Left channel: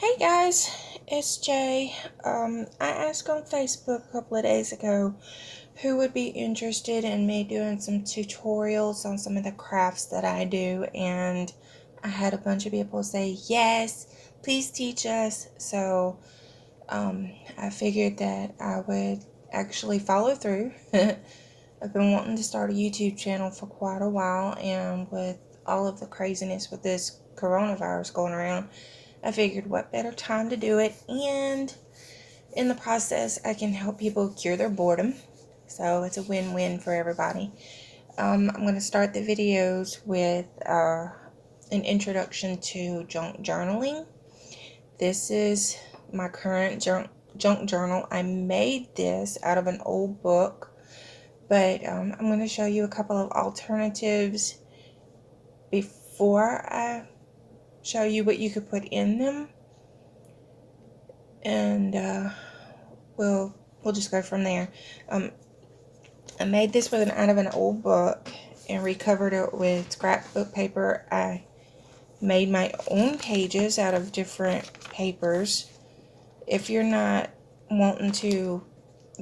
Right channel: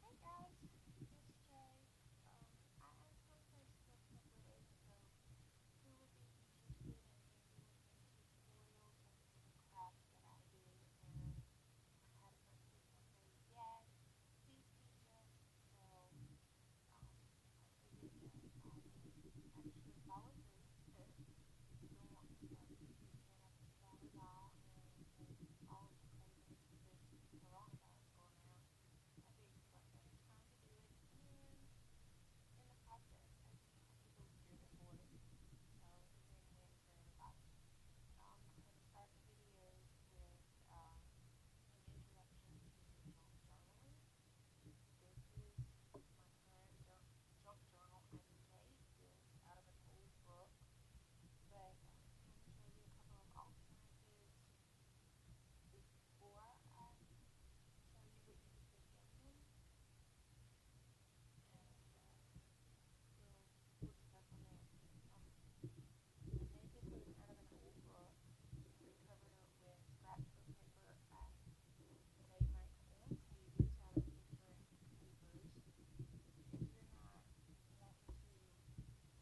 Hey guys, it's Jay. I asked on Facebook a couple of days ago who would be interested in me doing some tutorials on some of the crafts that I do, and I had a bunch of people say yes, please teach us. So I figured that I would actually follow through. I've been wanting to start a YouTube channel for quite a while, and with all of the craziness with this coronavirus going around, I figured what better time to do it, and in the process I can help people cure their boredom, so it's a win-win for everybody. I'm going to start the videos with an introduction to junk journaling. This is my current junk journal. I made this out of an old book, but I'm going to show you a couple of alternatives before I show you what you could put in them, and we'll just go from there. I made this out of an old book and recovered it with scrapbook paper. I made my own pages out of different papers. If you're not wanting to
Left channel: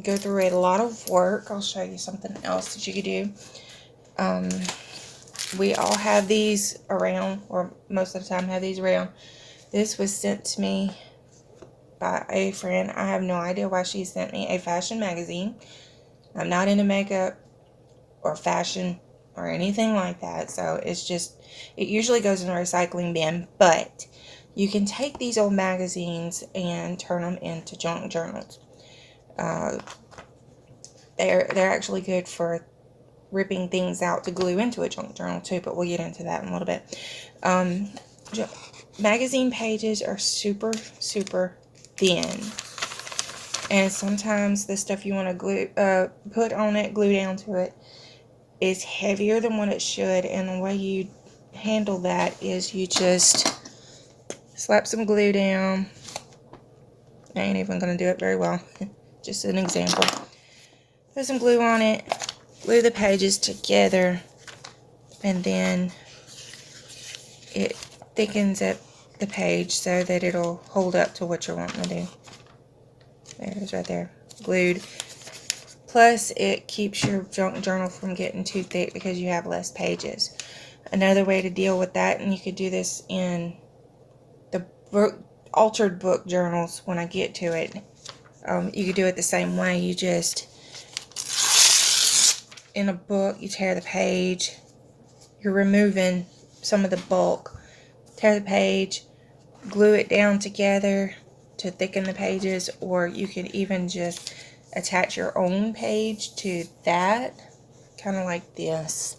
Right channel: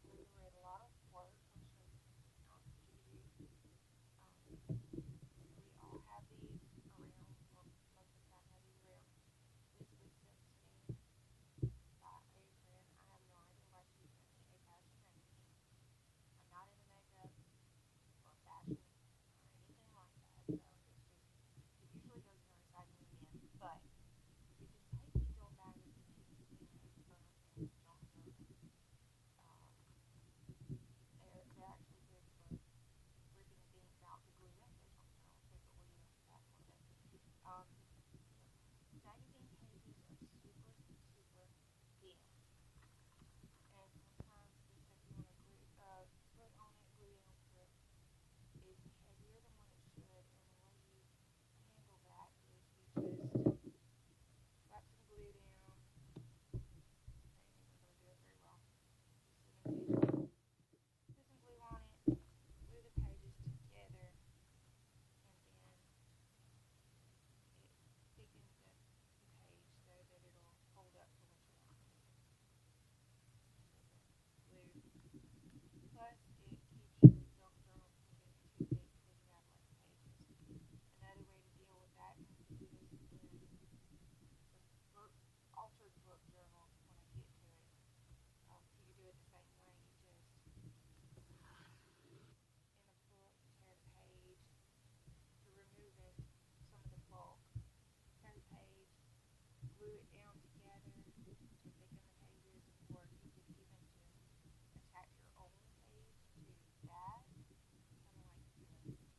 go through a lot of work, I'll show you something else that you could do. We all have these around, or most of the time have these around. This was sent to me by a friend. I have no idea why she sent me a fashion magazine. I'm not into makeup or fashion or anything like that, so it usually goes in a recycling bin, but you can take these old magazines and turn them into junk journals. They're actually good for ripping things out to glue into a junk journal too, but we'll get into that in a little bit. Magazine pages are super thin, and sometimes the stuff you want to put on it, glue down to it, is heavier than what it should, and the way you handle that is you just slap some glue down. I ain't even going to do it very well, just an example. Put some glue on it, glue the pages together, and then it thickens up the page so that it'll hold up to what you're wanting to do. There it is right there, glued. Plus, it keeps your junk journal from getting too thick because you have less pages. Another way to deal with that, and you could do this in the altered book journals when I get to it, you could do it the same way. You just, in a book, you tear the page, you're removing some of the bulk, tear the page, glue it down together to thicken the pages, or you could even just attach your own page to that, kind of like this.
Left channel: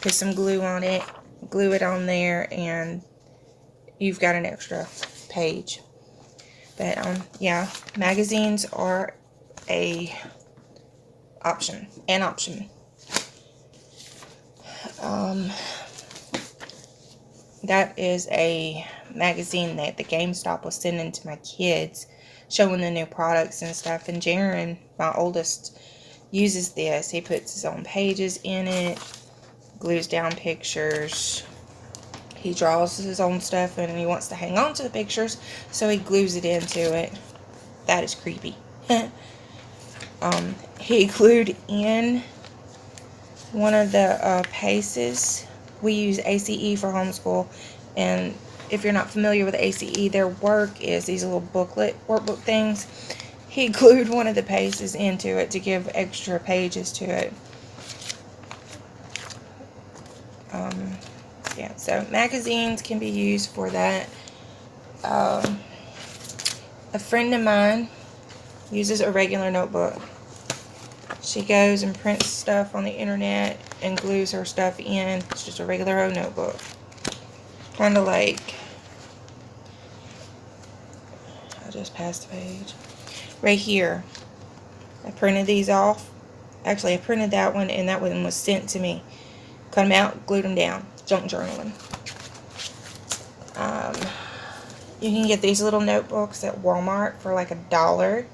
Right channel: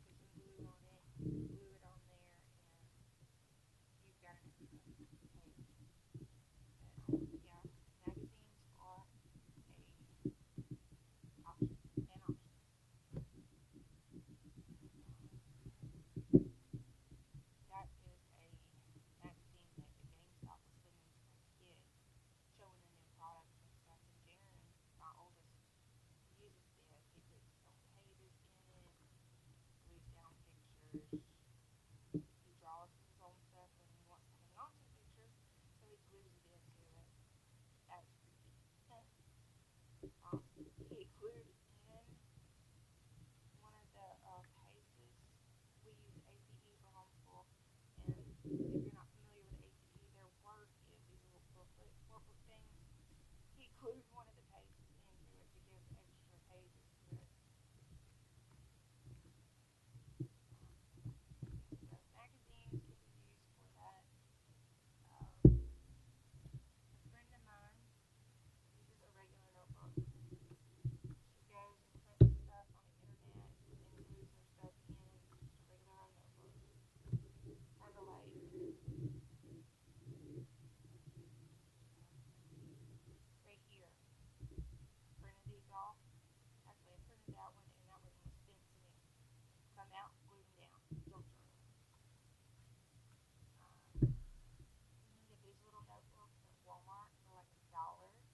Put some glue on it, glue it on there, and you've got an extra page. But yeah, magazines are an option. That is a magazine that the GameStop was sending to my kids, showing the new products and stuff. And Jaron, my oldest, uses this. He puts his own pages in it, glues down pictures. He draws his own stuff, and he wants to hang on to the pictures, so he glues it into it. That is creepy. He glued in one of the paces. We use ACE for homeschool, and if you're not familiar with ACE, their work is these little workbook things. He glued one of the paces into it to give extra pages to it. Yeah, so magazines can be used for that. A friend of mine uses a regular notebook. She goes and prints stuff on the internet and glues her stuff in. It's just a regular old notebook. Kind of like, I just passed the page. Right here, I printed these off. Actually, I printed that one, and that one was sent to me. Cut them out, glued them down. Junk journaling. You can get these little notebooks at Walmart for like $1.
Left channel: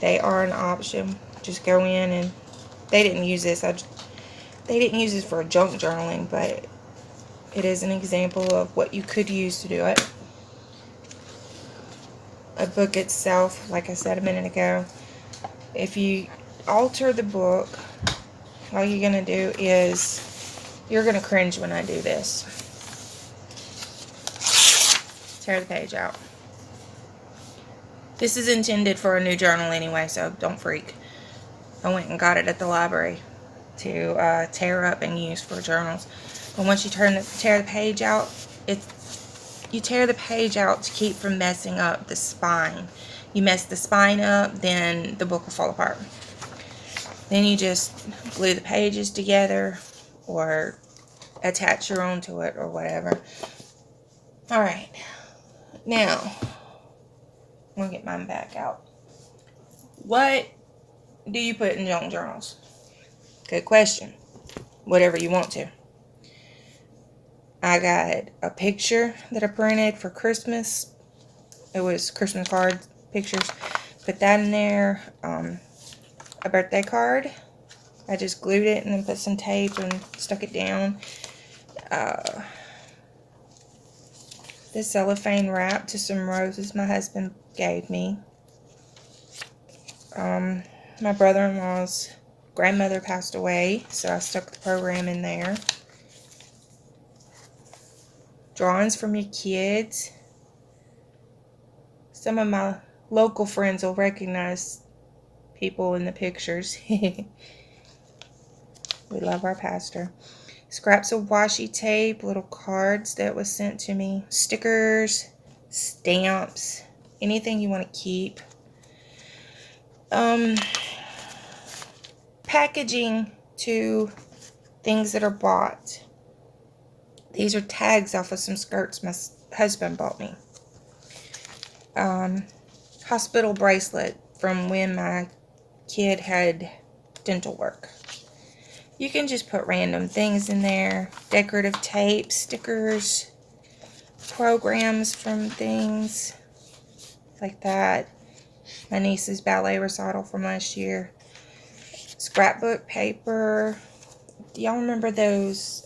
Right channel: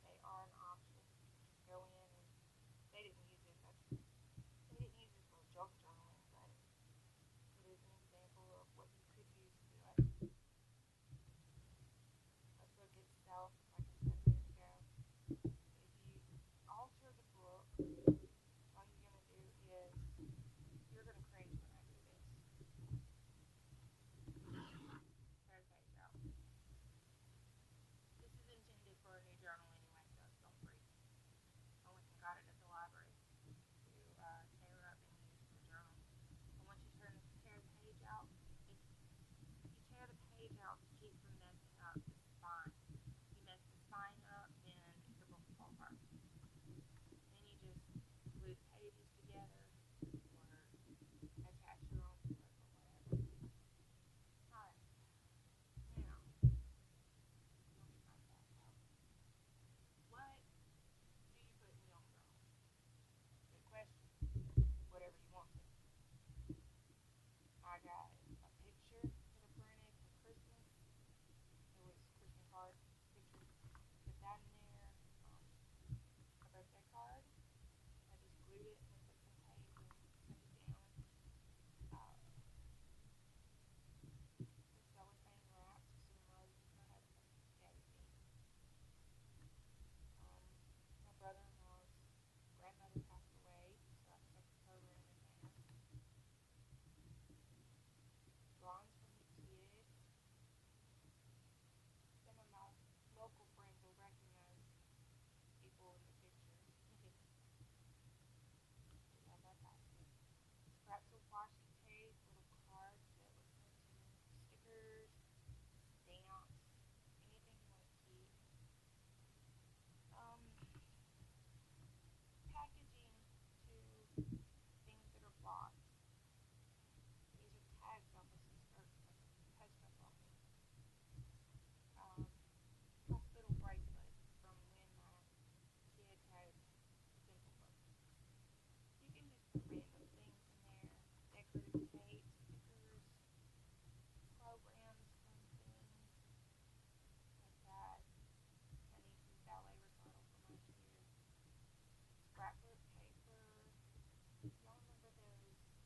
They are an option. Just go in, and they didn't use this. They didn't use this for junk journaling, but it is an example of what you could use to do it. a book itself, like I said a minute ago. If you alter the book, all you're going to do is, you're going to cringe when I do this. Tear the page out. This is intended for a new journal anyway, so don't freak. I went and got it at the library to tear up and use for journals. But once you tear the page out, you tear the page out to keep from messing up the spine. You mess the spine up, then the book will fall apart. Then you just glue the pages together or attach your own to it or whatever. Alright, now I'm going to get mine back out. What do you put in your journals? Good question. Whatever you want to. I got a picture that I printed for Christmas. It was Christmas card pictures. Put that in there. A birthday card. I just glued it and then put some tape and stuck it down. This cellophane wrap to some roses my husband gave me. My brother-in-law's grandmother passed away, so I stuck the program in there. Drawings from your kids. Some of my local friends will recognize people in the pictures. We love our pastor. Scraps of washi tape, little cards that was sent to me, stickers, stamps, anything you want to keep. Packaging to things that are bought. These are tags off of some skirts my husband bought me. Hospital bracelet from when my kid had dental work. You can just put random things in there. Decorative tape, stickers, programs from things like that. My niece's ballet recital from last year. Scrapbook paper. Do y'all remember those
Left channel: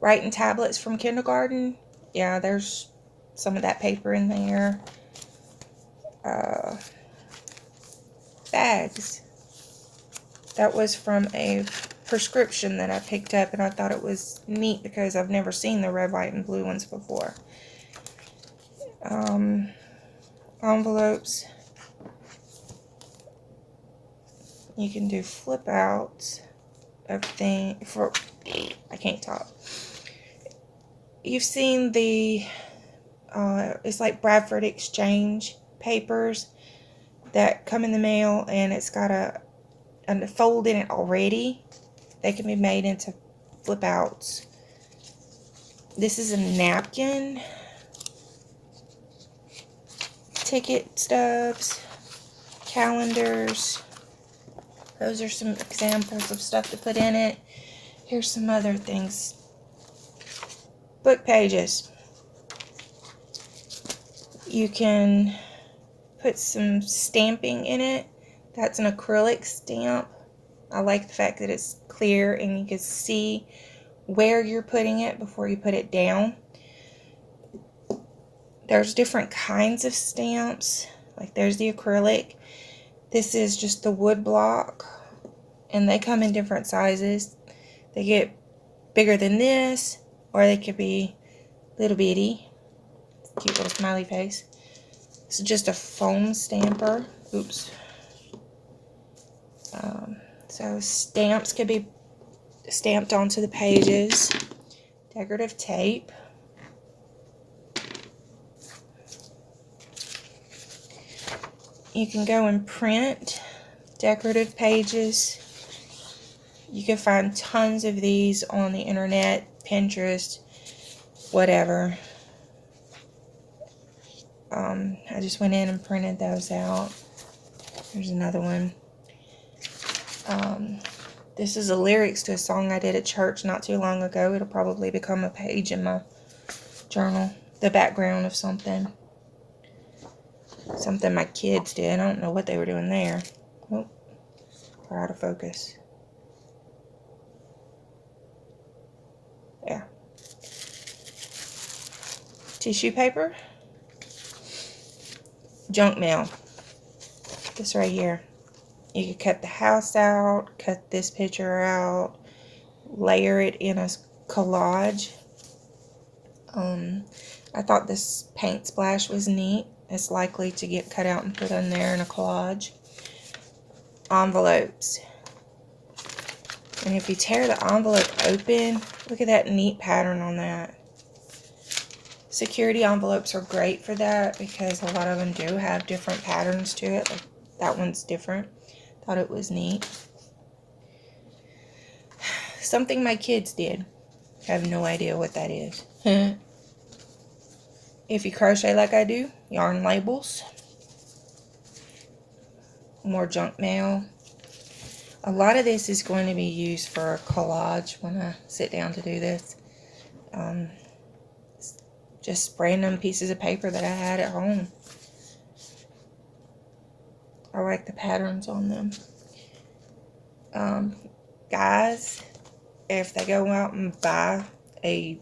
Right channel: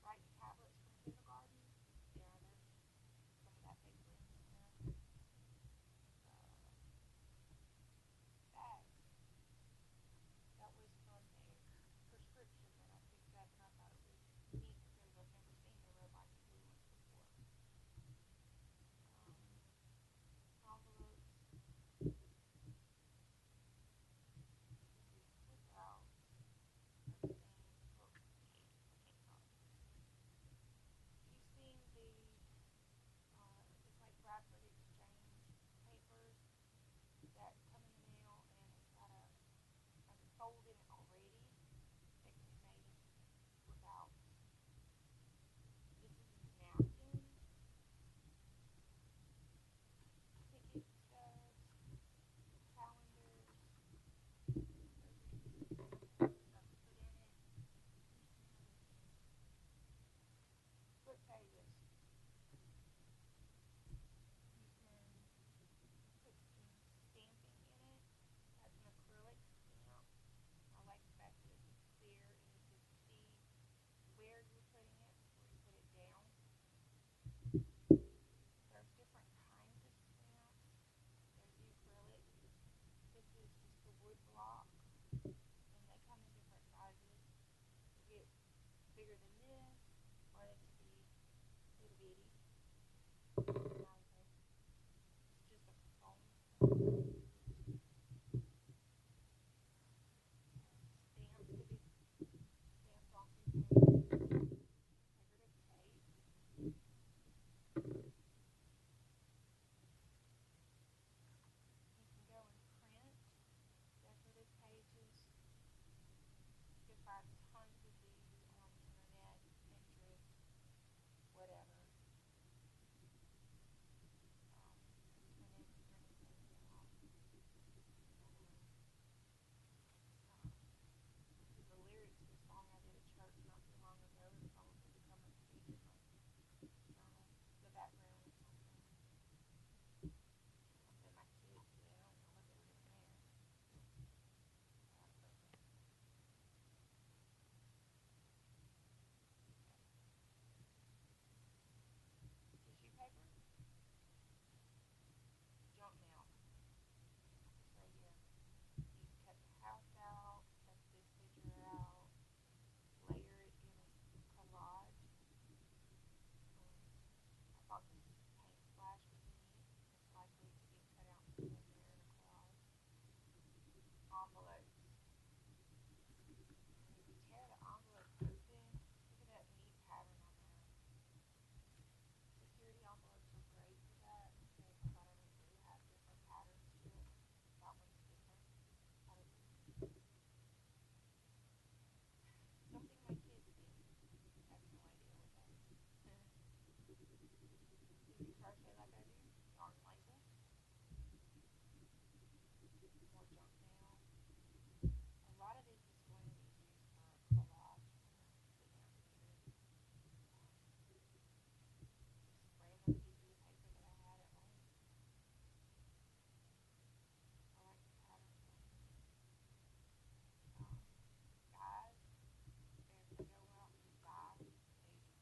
writing tablets from kindergarten? Yeah, there's some of that paper in there. Bags. That was from a prescription that I picked up, and I thought it was neat because I've never seen the red, white, and blue ones before. Envelopes. You can do flip outs of things for, I can't talk. You've seen the, it's like Bradford Exchange papers that come in the mail, and it's got a fold in it already. They can be made into flip outs. This is a napkin. Ticket stubs. Calendars. Those are some examples of stuff to put in it. Here's some other things. Book pages. You can put some stamping in it. That's an acrylic stamp. I like the fact that it's clear and you can see where you're putting it before you put it down. There's different kinds of stamps. Like there's the acrylic. This is just the wood block. And they come in different sizes. They get bigger than this, or they could be little bitty. Cute little smiley face. This is just a foam stamper. Oops. So stamps could be stamped onto the pages. Decorative tape. You can go and print decorative pages. You can find tons of these on the internet, Pinterest, whatever. I just went in and printed those out. There's another one. This is the lyrics to a song I did at church not too long ago. It'll probably become a page in my journal. The background of something. Something my kids did. I don't know what they were doing there. Oh, we're out of focus. Yeah. Tissue paper. junk mail. This right here. You could cut the house out, cut this picture out, layer it in a collage. I thought this paint splash was neat. It's likely to get cut out and put in there in a collage. Envelopes. And if you tear the envelope open, look at that neat pattern on that. Security envelopes are great for that because a lot of them do have different patterns to it. Like that one's different. Thought it was neat. Something my kids did. I have no idea what that is. If you crochet like I do, yarn labels. More junk mail. A lot of this is going to be used for a collage when I sit down to do this. Just random pieces of paper that I had at home. I like the patterns on them. Guys, if they go out and buy a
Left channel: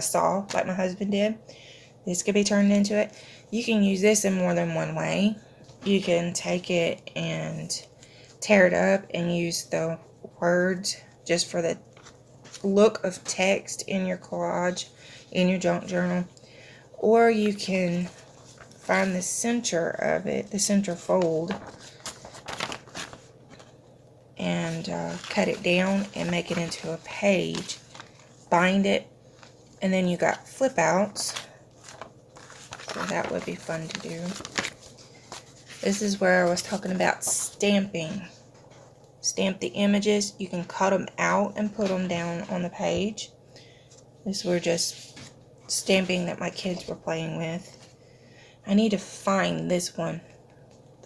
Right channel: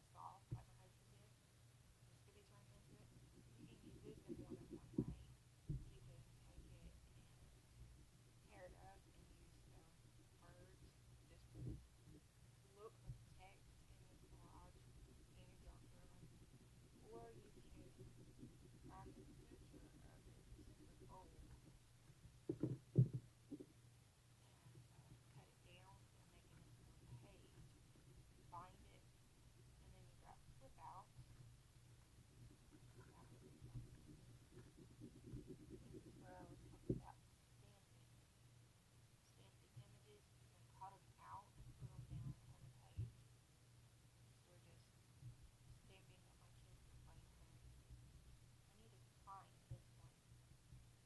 saw like my husband did, this could be turned into it. You can use this in more than one way. You can take it and tear it up and use the words just for the look of text in your collage, in your junk journal. Or you can find the center of it, the center fold, and cut it down and make it into a page. Bind it, and then you got flip outs. So that would be fun to do. This is where I was talking about stamping. Stamp the images. You can cut them out and put them down on the page. This were just stamping that my kids were playing with. I need to find this one,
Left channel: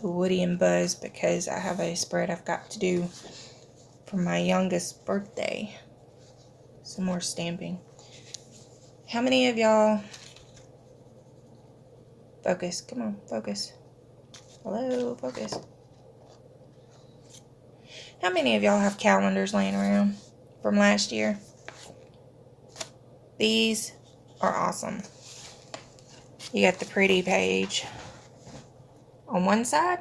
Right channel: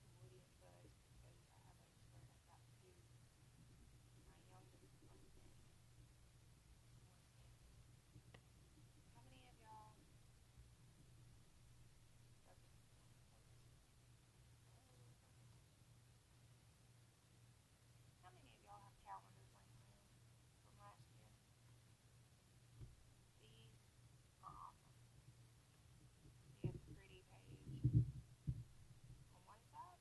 the Woody and Buzz, because I have a spread I've got to do for my youngest birthday. Some more stamping. How many of y'all... Focus. Come on, focus. Hello, focus. How many of y'all have calendars laying around from last year? These are awesome. You got the pretty page on one side,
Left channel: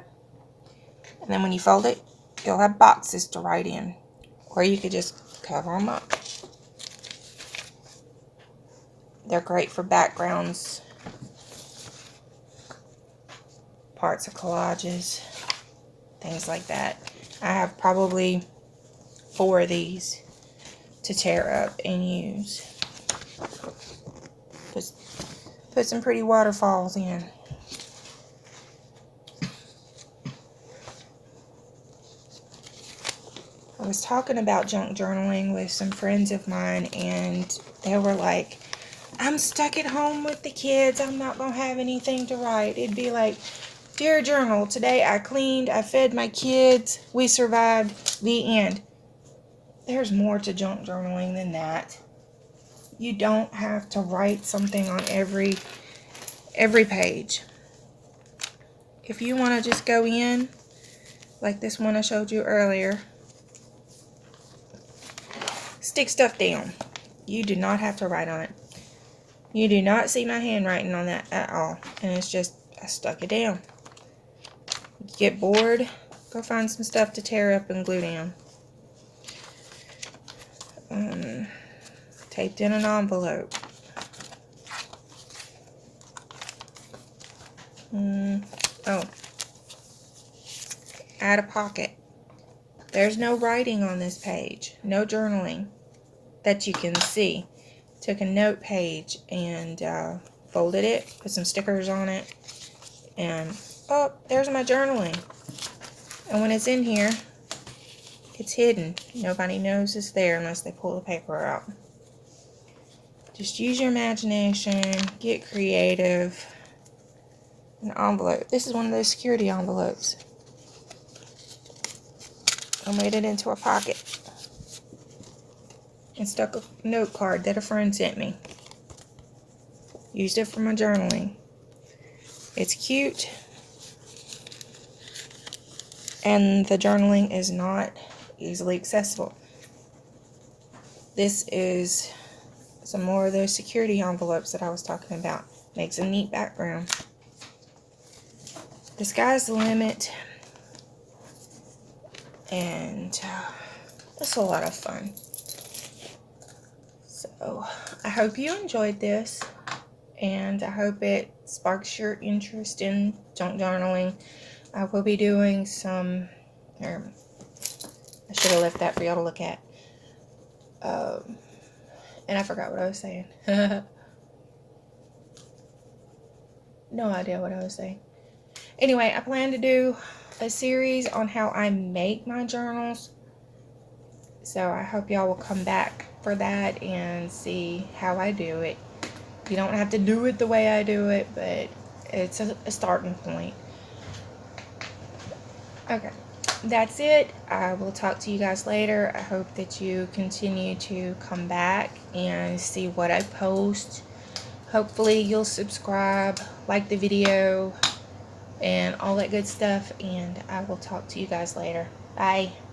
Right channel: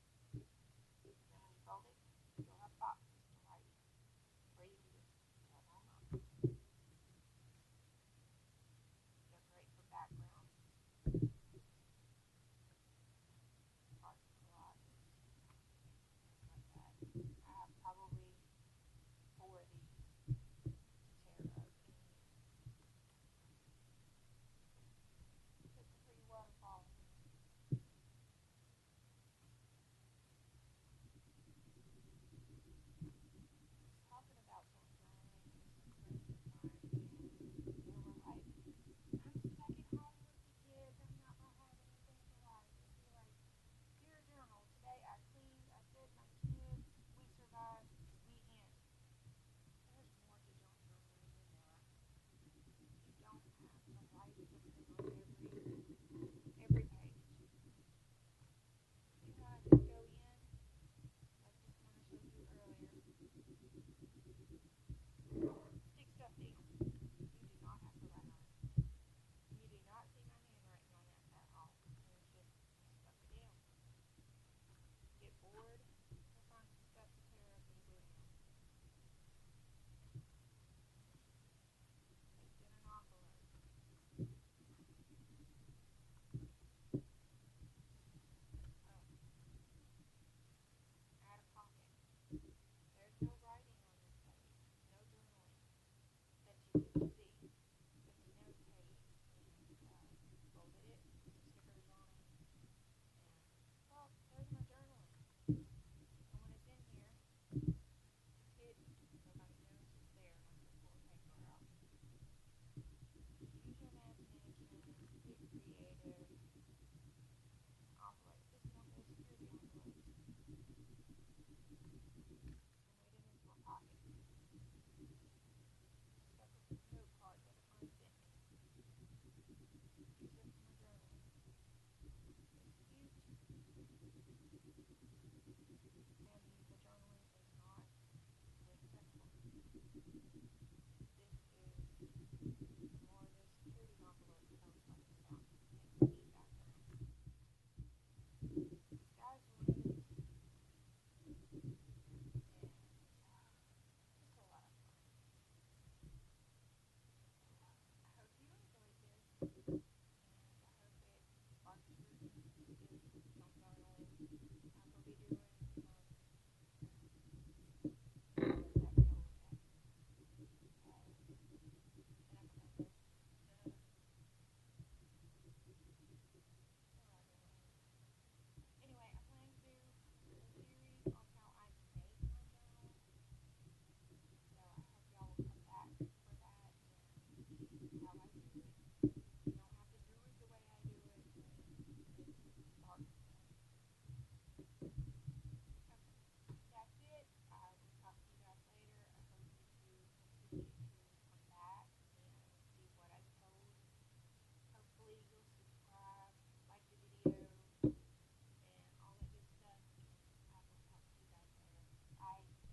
and then when you fold it, you'll have boxes to write in, or you could just cover them up. They're great for backgrounds, parts of collages, things like that. I have probably 4 of these to tear up and use. Just put some pretty waterfalls in. I was talking about junk journaling with some friends of mine, and they were like, I'm stuck at home with the kids. I'm not going to have anything to write. It'd be like, dear journal, today I cleaned, I fed my kids, we survived, the end. There's more to junk journaling than that. You don't have to write something on every page. If you want to just go in, like this one I showed you earlier, stick stuff down. You do not have to write on it. You do not see my handwriting on that at all. And it's just, I stuck it down. You get bored, go find some stuff to tear up and glue down. Taped in an envelope. Oh. Add a pocket. There's no writing on this page. No journaling that you can see. Took a note page and folded it, put some stickers on it, and oh, there's my journaling. And when it's in here, it's hidden. Nobody knows it's there unless they pull the paper out. Just use your imagination, get creative. An envelope. This is one of those security envelopes. I made it into a pocket and stuck a note card that a friend sent me. Used it for my journaling. It's cute, and the journaling is not easily accessible. This is some more of those security envelopes that I was talking about. Makes a neat background. the sky's the limit, and it's a lot of fun. So I hope you enjoyed this, and I hope it sparks your interest in junk journaling. I will be doing some, I should have left that for y'all to look at. And I forgot what I was saying. No idea what I was saying. Anyway, I plan to do a series on how I make my journals. So I hope y'all will come back for that and see how I do it. You don't have to do it the way I do it, but it's a starting point. Okay, that's it. I will talk to you guys later. I hope that you continue to come back and see what I post. Hopefully you'll subscribe, like the video, and all that good stuff. And I will talk to you guys later. Bye.